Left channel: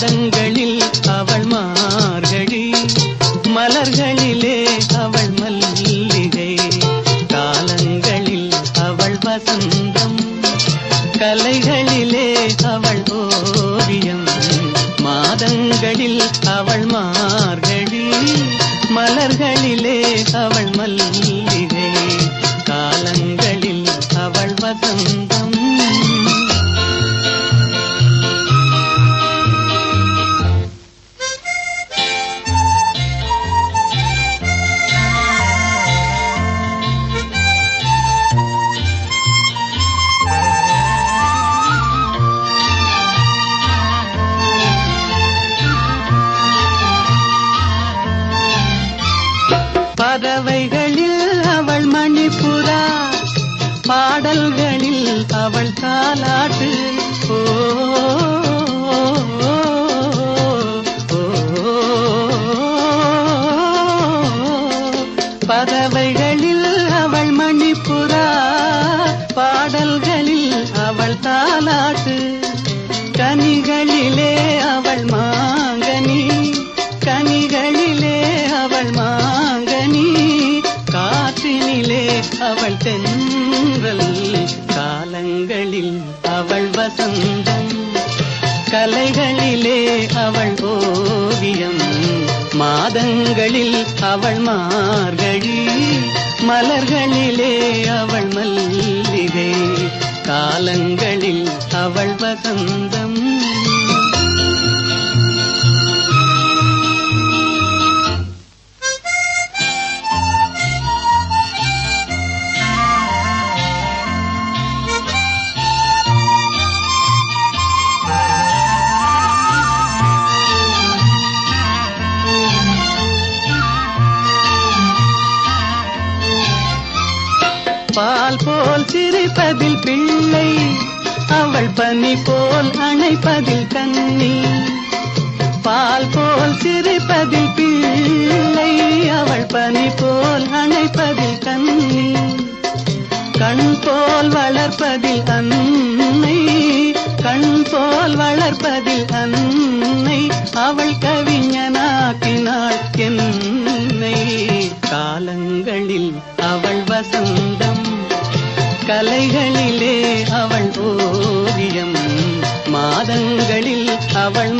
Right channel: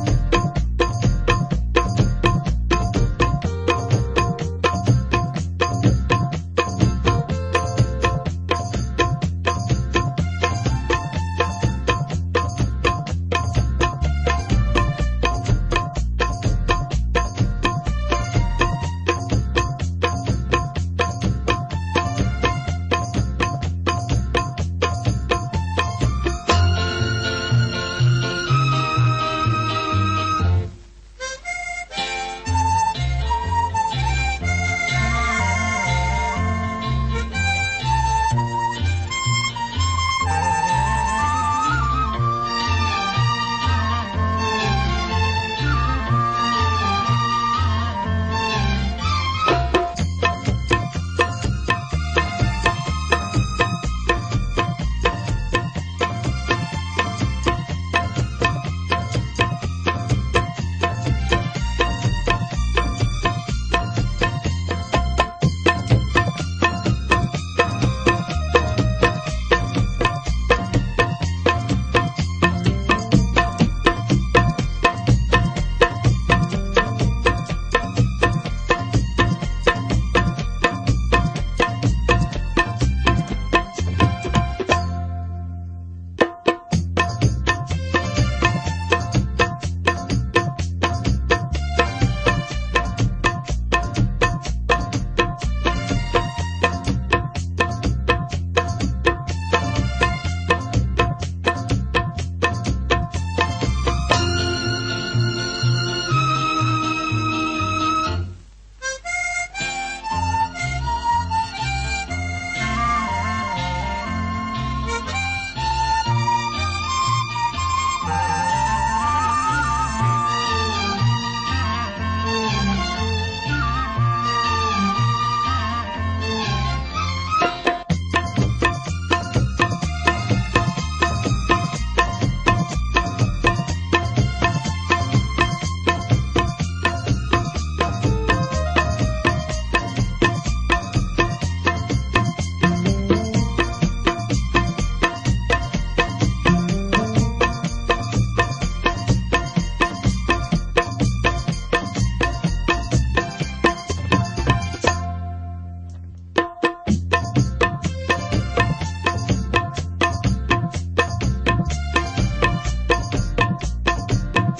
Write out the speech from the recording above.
மாதங்களில் அவள் மார்கழி, மலர்களிலே அவள் மல்லிகை, காலங்களில் அவள் வசந்தம், கலைகளிலே அவள் ஓவியம். மாதங்களில் அவள் மார்கழி, மலர்களிலே அவள் மல்லிகை, காலங்களில் அவள் வசந்தம். பறவைகளில் அவள் மணிப்புறா, பாடல்களில் அவள் தாலாட்டு. ஓ, பறவைகளில் அவள் மணிப்புறா, பாடல்களில் அவள் தாலாட்டு. கனிகளிலே அவள் மாங்கனி, கனிகளிலே அவள் மாங்கனி, காற்றினிலே அவள் தென்றல், காலங்களில் அவள் வசந்தம், கலைகளிலே அவள் ஓவியம். மாதங்களில் அவள் மார்கழி, மலர்களிலே அவள் மல்லிகை, காலங்களில் அவள் வசந்தம். பால் போல் சிரிப்பதில் பிள்ளை, அவள் பனி போல் அணைப்பதில் கண்ணி. பால் போல் சிரிப்பதில் பிள்ளை, அவள் பனி போல் அணைப்பதில் கண்ணி. கண் போல் வளர்ப்பதில் அன்னை, கண் போல் வளர்ப்பதில் அன்னை, அவள் கவிஞனாக்கினாள் என்னை. காலங்களில் அவள் வசந்தம், கலைகளிலே அவள் ஓவியம். மாதங்களில் அவள்